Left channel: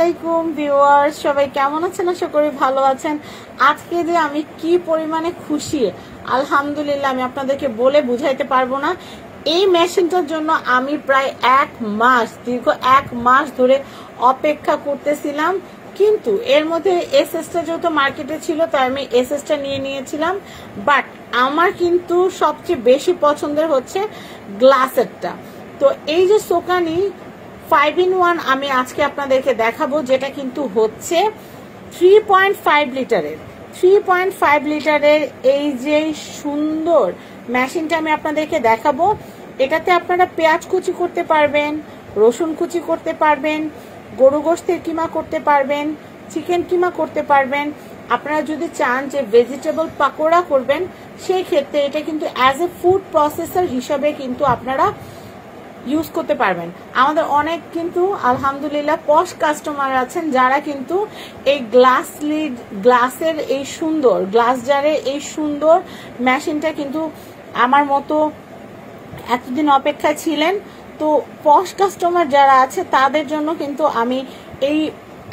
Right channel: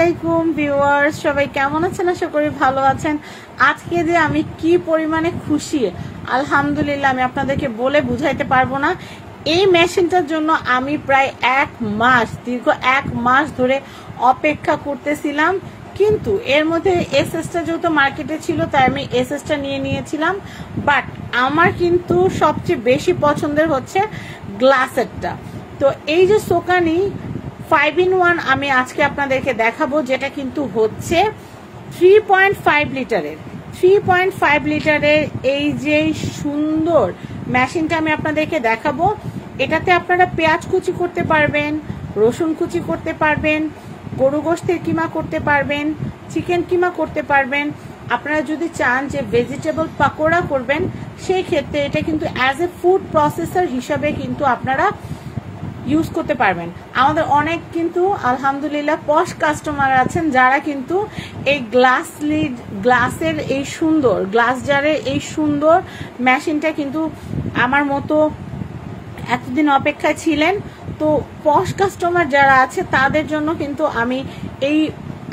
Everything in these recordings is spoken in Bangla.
আলাইকুম ভিউয়ার্স, সবাই কেমন আছেন? আশা করি ভালো আছেন। আজকে যে আমি কি পরিমাণে খুশি, আলহামদুলিল্লাহ, আমি আপনাদেরকে বলে বুঝাইতে পারবো না। এই মেশিনটার জন্য আমি প্রায় দীর্ঘ এক মাস ধরে অপেক্ষা করতেছিলাম, কিন্তু এর মধ্যে এসএসটা যেহেতু মার্কেটে ছিল তাই আমি এসএসটা নিয়ে নিয়েছিলাম। বাট আমার কিন্তু সবচেয়ে বেশি পছন্দের হচ্ছে গ্লাসেরটা। তো এই যে সোকানি 5-in-1 আমি আজকে আপনাদেরকে দেখাবো, যেটা কিন্তু হচ্ছে 3.5 লিটারের। 3.5 লিটারের এই যে সুন্দর মেশিনটা আমি আপনাদেরকে দেখাবো। এটাতে আপনারা পেঁয়াজ কুচি করতে পারবেন, রসুন কুচি করতে পারবেন, গরু গোশতের কিমা করতে পারবেন, চিকেন কিমা করতে পারবেন। আপনারা যদি চান যে ভেজিটেবল পাকোড়া করবেন, সেই ক্ষেত্রে এটা কিন্তু অ্যাজ এ ফুড প্রসেসর হিসাবে কিন্তু আপনারা ইউজ করতে পারবেন। আমাদের অনেক কিন্তু আলহামদুলিল্লাহ পশ কাস্টমার আছেন যারা কিন্তু এই গ্লাসের এই সুন্দর গ্লাস জারের এই সুন্দর মেশিনটা কিন্তু আমার মতো এতদিন অপেক্ষায় ছিলেন। তো পশ কাস্টমার যারা আছে তাদের জন্য কিন্তু আমি এই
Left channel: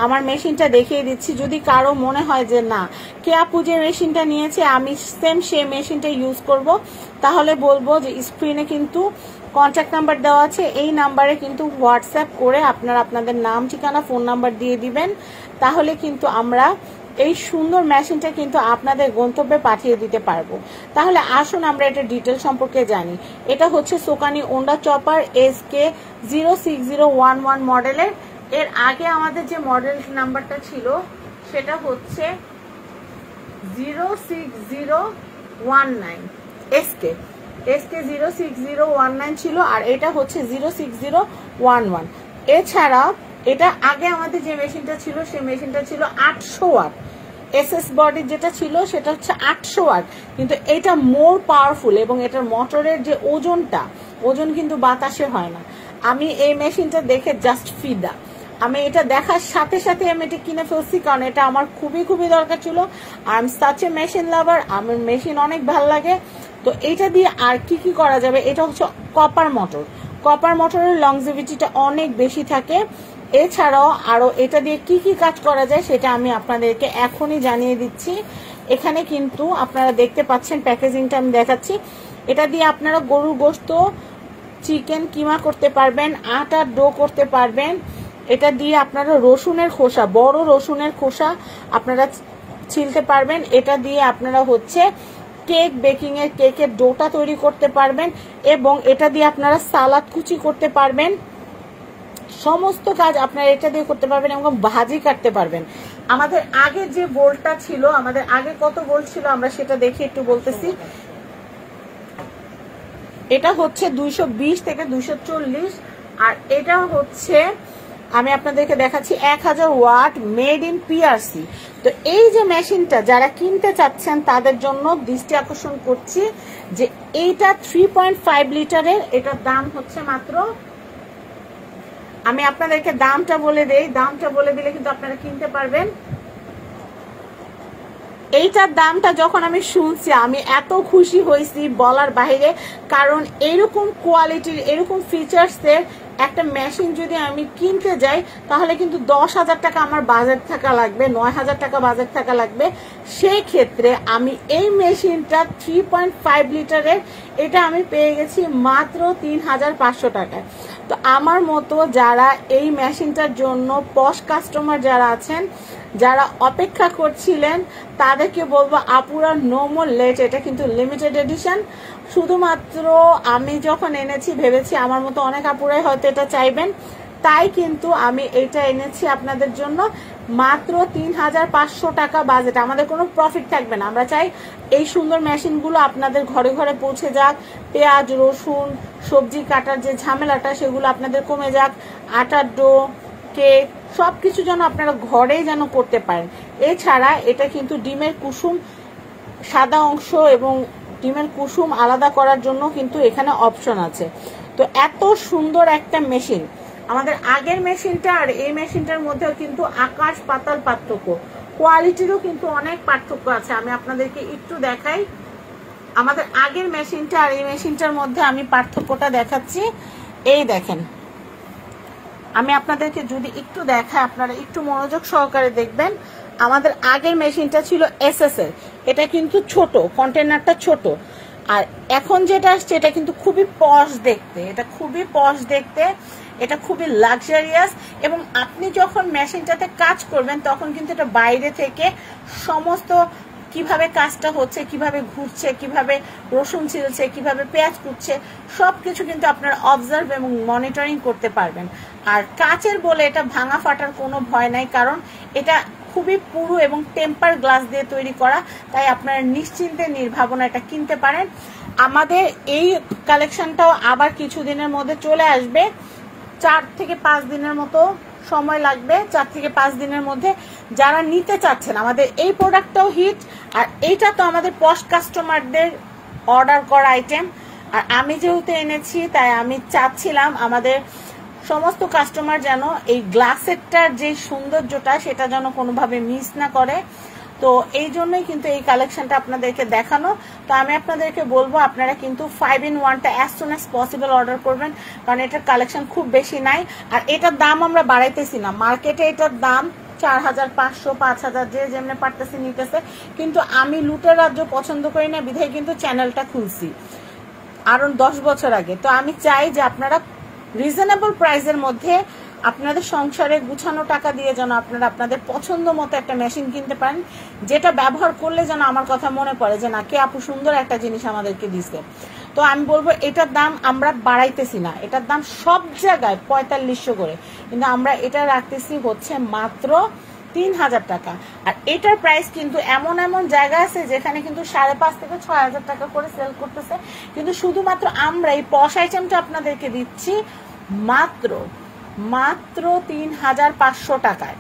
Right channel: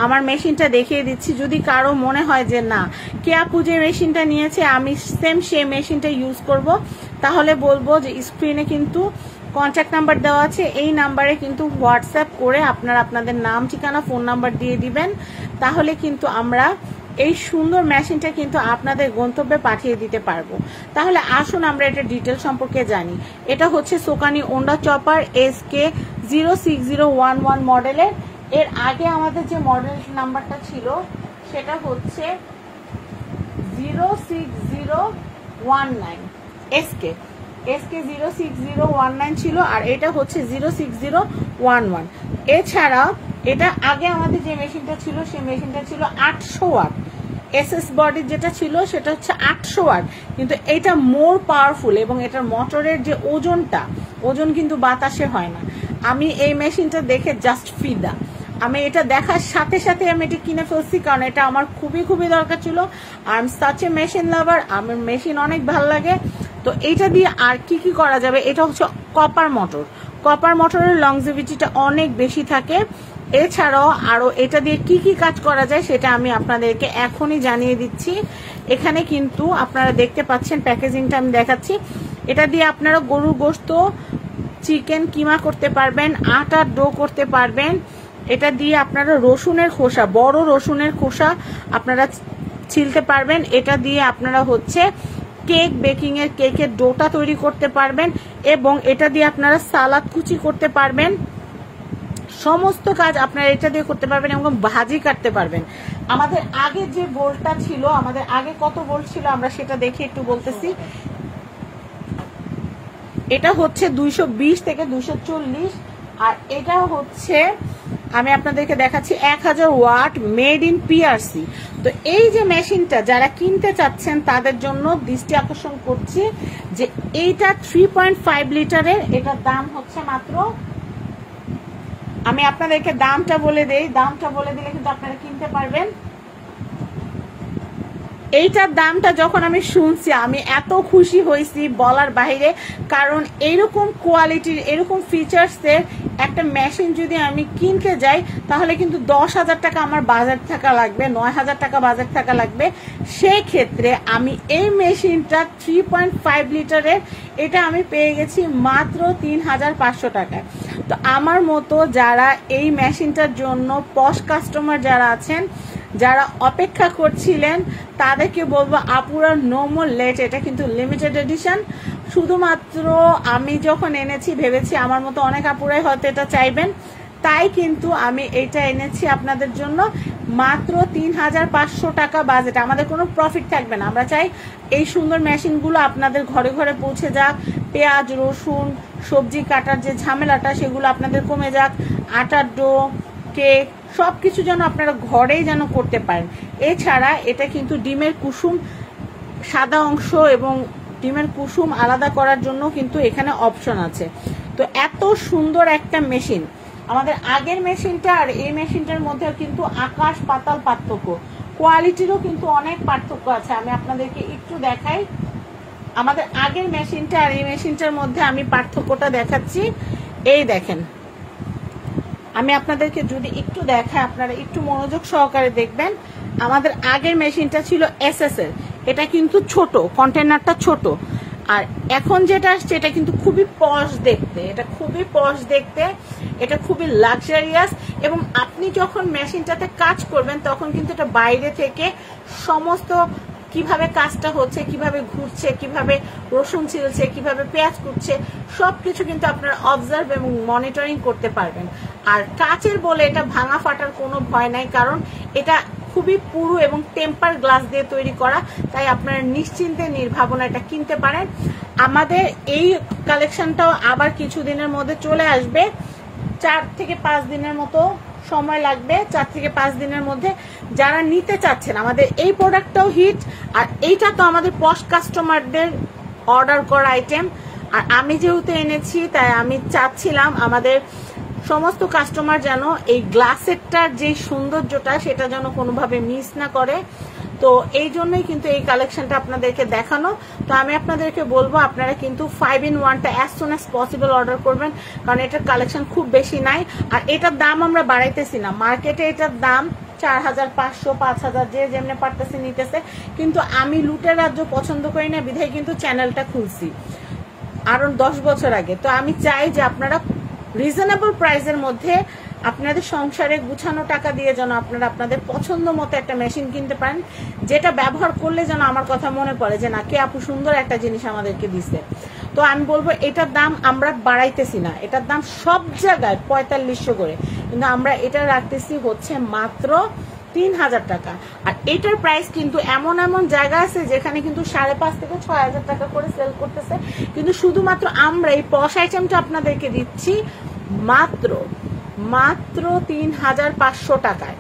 আমার মেশিনটা দেখিয়ে দিচ্ছি। যদি কারো মনে হয় যে না, কে আপু যে মেশিনটা নিয়েছে আমি সেম সেই মেশিনটা ইউজ করব, তাহলে বলবো যে স্ক্রিনে কিন্তু কন্ট্যাক্ট নাম্বার দেওয়া আছে। এই নাম্বারে কিন্তু হোয়াটসঅ্যাপ করে আপনারা আপনাদের নাম, ঠিকানা, ফোন নাম্বার দিয়ে দিবেন। তাহলে কিন্তু আমরা এই সুন্দর মেশিনটা কিন্তু আপনাদের গন্তব্যে পাঠিয়ে দিতে পারবো। তাহলে আসুন আমরা এটা ডিটেল সম্পর্কে জানি। এটা হচ্ছে সোকানি ওন্ডা চপার SK06011 মডেলের। এর আগে আমাদের যে মডেল নাম্বারটা ছিল সেটা হচ্ছে 06019 SK06019 ছিল, আর এটা হচ্ছে 06011। এছাড়া এটা আগে আমাদের যে মেশিনটা ছিল সেই মেশিনটা ছিল 800 ওয়াট। এসএস বডি যেটা ছিল সেটা হচ্ছে 800 ওয়াট, কিন্তু এটা মোর পাওয়ারফুল এবং এটার মোটরের যে ওজন কিন্তু বাতাসে হয় না। আমি এই মেশিনটা দেখে জাস্ট ফিদা। আমি এটা দেখার সাথে সাথে আমি এটা কিনে ফেলছি, কারণ এটা আমার খুবই দরকার ছিল। I am such a machine lover, আমার মেশিন অনেক ভালো লাগে। তো এটা দিয়ে আর কি করা যাবে, এটা হচ্ছে কপার মোটরের লংজিভিটিটা অনেক বেশি থাকে। এছাড়াও আরো এটা দিয়ে কি কাজ করা যায় সেটা আমি আপনাদেরকে এখনই জানিয়ে দিচ্ছি। এখানে কিন্তু আপনারা দেখতে পাচ্ছেন, প্যাকেজিংটা আমি দেখাচ্ছি। এটা দিয়ে আপনারা গরুর গোশত, চিকেন কিমা করতে পারবেন, আটার ডো করতে পারবেন। এটা দিয়ে আপনারা রসুনের খোসা, বড় রসুনের খোসা আপনারা ছিলতে পারবেন। এটা দিয়ে আপনারা হচ্ছে কেকের ডোটা তৈরি করতে পারবেন, এবং এটা দিয়ে আপনারা সালাদ কুচি করতে পারবেন। সমস্ত কাজ আপনারা এটা দিয়ে করতে পারবেন এবং ভাজি কাটতে পারবেন। আমাদের আগে যে বোল্টটা ছিল, আমাদের আগে কত বোল্ট ছিল আমরা সেটা দেখে একটু বলতেছি। এটা হচ্ছে 220 থেকে 240, আর এটা হচ্ছে আমি আপনাদেরকে দেখাচ্ছি 1000 ওয়াট, মেড ইন পিআরসি। তো এই যে মেশিনটা যারা কিনতে চাচ্ছেন তাদের জন্য দৃষ্টি আকর্ষণ করছি যে এইটা 3.5 লিটারের। এটার দাম হচ্ছে মাত্র, আমি আপনাদেরকে দামটা বলে দেই, দামটা বলে দিলে কিন্তু আপনারা কিনতে পারবেন। এইটার দামটা যখন আমি শুনছি আমি এত খুশি হয়েছি বলার বাইরে, কারণ এরকম কোয়ালিটির, এরকম ফিচার্সের একটা মেশিন যদি আমি কিনতে যাই তাহলে কিন্তু 10,000 টাকা আমার বাজেট থাকা লাগবে, 9,000 টাকা বাজেট থাকা লাগবে। সেই ক্ষেত্রে আমি এই মেশিনটা 3.5 লিটারের এটা আমি পেয়ে গেছি মাত্র 3,500 টাকা। তো আমার মতো যারা এই মেশিনটার জন্য পশ কাস্টমার যারা আছেন, যারা অপেক্ষা করছিলেন, তাদেরকে বলবো আপুরা নো মোর লেট। এটা কিন্তু লিমিটেড এডিশন। শুধুমাত্র আমি যখন এনেছি ভেবেছি আমার মতো অনেক আপুরাই হয়তো এটা চাইবেন, তাই কিন্তু আমি এটা এনেছি আপনাদের জন্য মাত্র 3,500 টাকা বাজেট। আমাদের কোনো প্রফিট থাকবে না, আমরা চাই এই সুন্দর মেশিনগুলো আপনাদের ঘরে ঘরে পৌঁছে যাক। পেঁয়াজ, রসুন, সবজি কাটার যে ঝামেলাটা সেগুলো আপনাদের কমে যাক। আটার ডো, কেক, সবকিছু যেন আপনারা ঘরেই যেন করতে পারেন। এছাড়া এটা কিন্তু ডিমের কুসুম, সাদা অংশ এবং ডিমের কুসুম আলাদা করার জন্য কিন্তু এখানে অপশন আছে। তো এত সুন্দর একটা মেশিন, আমাদের আগের মেশিনটা আর এই মেশিনটার মধ্যেও কিন্তু আকাশ পাতাল পার্থক্য, কোয়ালিটিরও কিন্তু অনেক পার্থক্য আছে। আমি আপনাদেরকে একটু দেখাই, আমাদের আগের মেশিনটা আর এই মেশিনটার মধ্যে আমি পার্থক্যটা দেখাচ্ছি। এই দেখেন, আমি আপনাদেরকে যদি একটু দেখাই, আপনারা একটু মনোযোগ সহকারে দেখবেন। আমাদের আগের মেশিনটা ছিল SS এর, এটা কিন্তু ছোট, কন্টেনারটা ছোট। আর এখন যেটা আসছে এটা কিন্তু খুবই পশ দেখতে, এটা খুবই পশ দেখতে, এটা খুবই লাক্সারিয়াস। এবং আপনি যখন মেশিনটাতে কাজ করবেন তখন কিন্তু এটা বাইরে থেকে সমস্ত কিভাবে কাজটা হচ্ছে, কিভাবে ঘুরছে, কিভাবে রসুন ছিলছে, কিভাবে পেঁয়াজ কুটছে, সবকিছু কিন্তু আপনারা অবজার্ভ এবং মনিটরিং করতে পারবেন। আর কাচের বলে এটা ভাঙা ফাটার কোনো ভয় নাই, কারণ এটা খুবই পুরু এবং টেম্পার গ্লাস দিয়ে তৈরি করা, তাই আপনারা নিশ্চিন্তে নির্ভাবনা এটা কিনতে পারেন। আমাদের এই কালেকশনটাও আবার কিছুদিনের মধ্যে চলে আসবে, 4 থেকে 5 দিনের মতো সময় লাগবে। 4 থেকে 5 দিনের মধ্যে যারা নিতে চাচ্ছেন, আমাদের এই প্রোডাক্টটাও হিট, আর এইটা তো আমাদের পশ কাস্টমারদের অর্ডার করা আইটেম। আর আমি যেহেতু এনেছি তাই আমি চাচ্ছিলাম আমাদের সমস্ত কাস্টমার যেন এই গ্লাসেরটার যে সৌন্দর্যটা সেটা যেন কোনোভাবে মিস না করে। তো এই জন্যই কিন্তু এই কালেকশনটা আপনাদেরকে দেখানো। তো আমি আপনাদেরকে বলবো আপনারা কিন্তু 5-in-1টা as soon as possible order করবেন, কারণ এটার কালেকশন খুব বেশি নাই। আর এটার দাম আমরা বাড়াইতেছি না, মার্কেটে এটার দাম 4500, 5000 যে যেমনি পারতেছে নিতেছে, কিন্তু আমি লুটের রাজ্য পছন্দ করি না, বিধায় কিন্তু চ্যানেলটা খুলছি আরো 10 বছর আগে। তো আমি চাই যে আপনারা রিজনেবল প্রাইসের মধ্যে আপনাদের সংসারে গুছানো টাকা দিয়ে যেন আপনারা আপনাদের পছন্দ মতো একটা মেশিন কিনতে পারেন, যেটা ব্যবহার করলে যেন আমার কথা মনে পড়ে যে না, কে আপু সুন্দর একটা জিনিস আমাদেরকে দিচ্ছে। তো আমি বলবো এটার দাম আমরা বাড়াইতেছি না, এটার দাম সব জায়গায় 4500 করে, কিন্তু আমরা এটা রাখতেছি হচ্ছে মাত্র 3000 টাকা। আর এটার প্রাইস কিন্তু এমন এমন জায়গা আছে যেখানে কিন্তু 5,500 থেকে 6,000 টাকা করে সেল করতেছে, কিন্তু শুধুমাত্র আমরা এই পশ আইটেমটা আপনাদেরকে দিচ্ছি মাত্র 3500 টাকায়।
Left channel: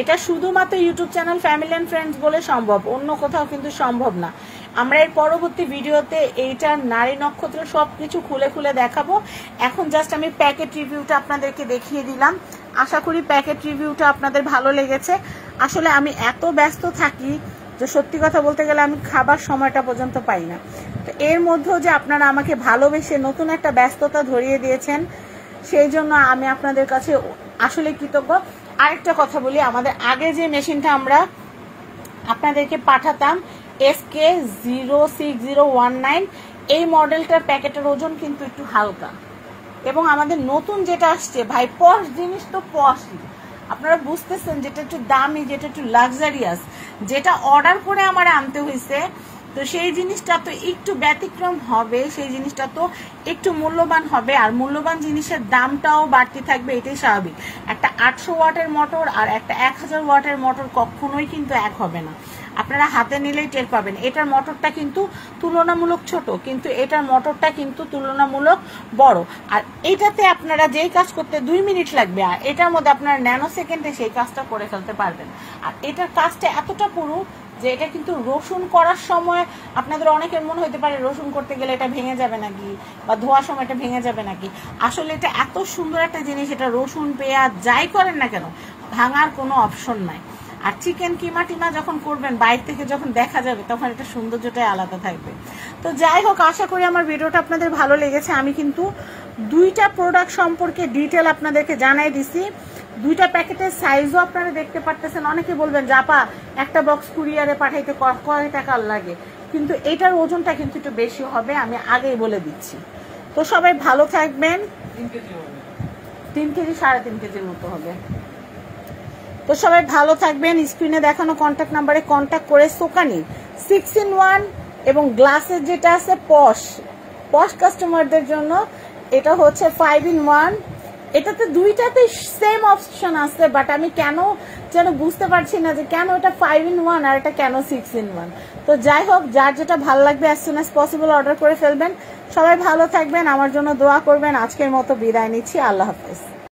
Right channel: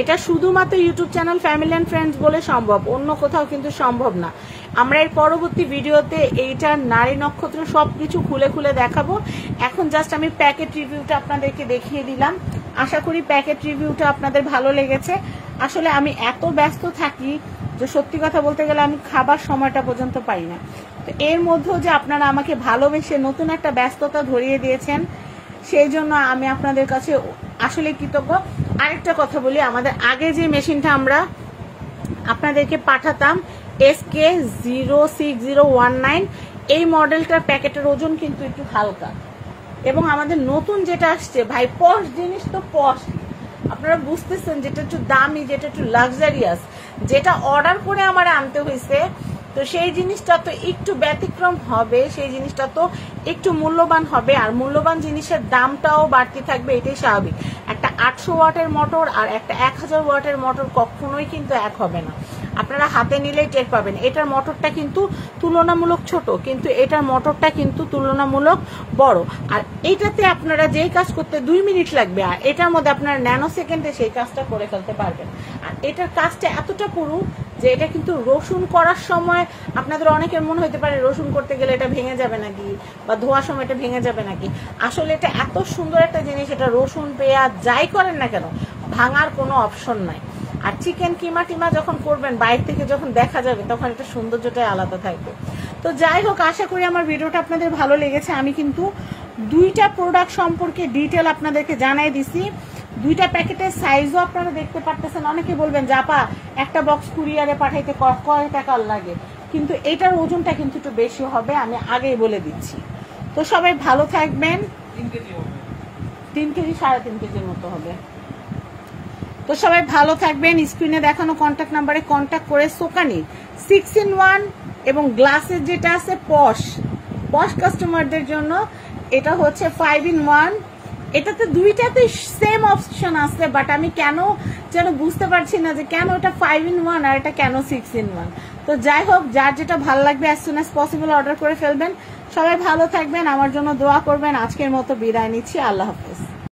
এটা শুধুমাত্র YouTube channel family and friends বলে সম্ভব, অন্য কোথাও কিন্তু সম্ভব না। আমরা এর পরবর্তী ভিডিওতে এইটার নারী নক্ষত্র সবকিছু খুলে খুলে দেখাবো। এখন জাস্ট আমি প্যাকেট রিভিউটা আপনাদেরকে দেখিয়ে দিলাম। আশা করি প্যাকেট রিভিউটা আপনাদের ভালো লেগেছে। আসলে আমি এত ব্যস্ত থাকি যে সত্যি কথা বলতে গেলে আমি খাবার সময়টা পর্যন্ত পাই না। তো এর মধ্যেও যে আপনারা আমাকে ভালোবেসে নতুন একটা ব্যস্ততা ধরিয়ে দিয়েছেন, সেই জন্য আমি আপনাদের কাছে আসলে কৃতজ্ঞ। আরেকটা কথা বলি, আমাদের আগে যে মেশিনটা আমরা আপনাদেরকে পাঠাতাম SK06019, এই মডেলটার প্যাকেটের ওজন কিন্তু একটু হালকা। এবং আমাদের নতুন যেটা আসছে ভাই, পশ জিনিস তো পশই, আপনারা বুঝতেছেন, যেটা একটু দামি, যেটা একটু লাক্সারিয়াস, যেটা অর্ডার করে আমার আনতে হয়েছে, তো সেই জিনিসটা তো একটু ব্যতিক্রম হবে, সেই জিনিসটা তো একটু মূল্যবান হবে, আর মূল্যবান জিনিসের দামটাও বাড়তি থাকবে, এটাই স্বাভাবিক। একটা 800 ওয়াটের মোটর আর একটা 1000 ওয়াটের মোটর কখনোই কিন্তু এক হবে না, আপনারা হাতে নিলেই টের পাবেন। এটার মোটরটা কিন্তু তুলনামূলক ছোট, কিন্তু এটার মোটরটা কিন্তু তুলনামূলক বড়। আর এটাতে আপনারা যেই কাজ করতে 2 মিনিট লাগবে, আর এটার মধ্যে আপনারা ন্যানো সেকেন্ডে সেই কাজটা করে ফেলতে পারবেন। আর এটার কাজটা এতটা পুরু যে এটা কিন্তু রসুন করার সময় আপনাদের অনেকের মনে হতে পারে রসুন করতে গেলে এটা ভেঙে যাবে নাকি, বা ধোয়ার সময় এটা ভেঙে যাবে নাকি। আসলে এটা এত সুন্দর একটা জিনিস, এটা রসুন পেঁয়াজ যাই করেন না কেন ভাঙার কোনো অপশন নাই। আর চিকেন কিমা টিমা যখন করবেন বাইরে থেকে যখন দেখা যাবে তখন এটা সৌন্দর্যটাই আলাদা থাকবে। তো যাই হোক, আশা করি আমার ভিডিওটা আপনাদের ভালো লেগেছে। আমি কিন্তু 2টা প্রোডাক্ট সম্পর্কে ডিটেল আপনাদেরকে জানাই দিছি, 2টা প্যাকেটের সাইজও আপনারা দেখতে পারতেছেন। অনেকে বলবেন জাপা একটা বক্স কুরিয়ারে পাঠাইতে কয় টাকা লাগে, কিন্তু এটার ওজনটা কিন্তু একটু বেশি হবে, আমি আগেই বলে দিচ্ছি। তো সবাই ভালো থাকবেন। 3 কেজি 3.5 কেজির মতো হবে। তো সবাই ভালো থাকবেন। স্ক্রিনে দেখানো কন্ট্যাক্ট নাম্বারে কন্ট্যাক্ট করে সোকানি 6-in-1 এবং গ্লাসের যেটা আছে পশ কাস্টমারদের জন্য এটা হচ্ছে 5-in-1। এটাতে 2টাতে সেম অপশন আছে, বাট আমি কেন যেন বুঝতে পারছি না যে কেন এটা 5-in-1 আর এটা কেন 6-in-1। তো যাই হোক, যার যেটা ভালো লাগবে as soon as possible order করে ফেলবেন। সবাই ভালো থাকবেন, আমার জন্য দোয়া করবেন। আজকের মতো বিদায় নিচ্ছি, আল্লাহ হাফেজ।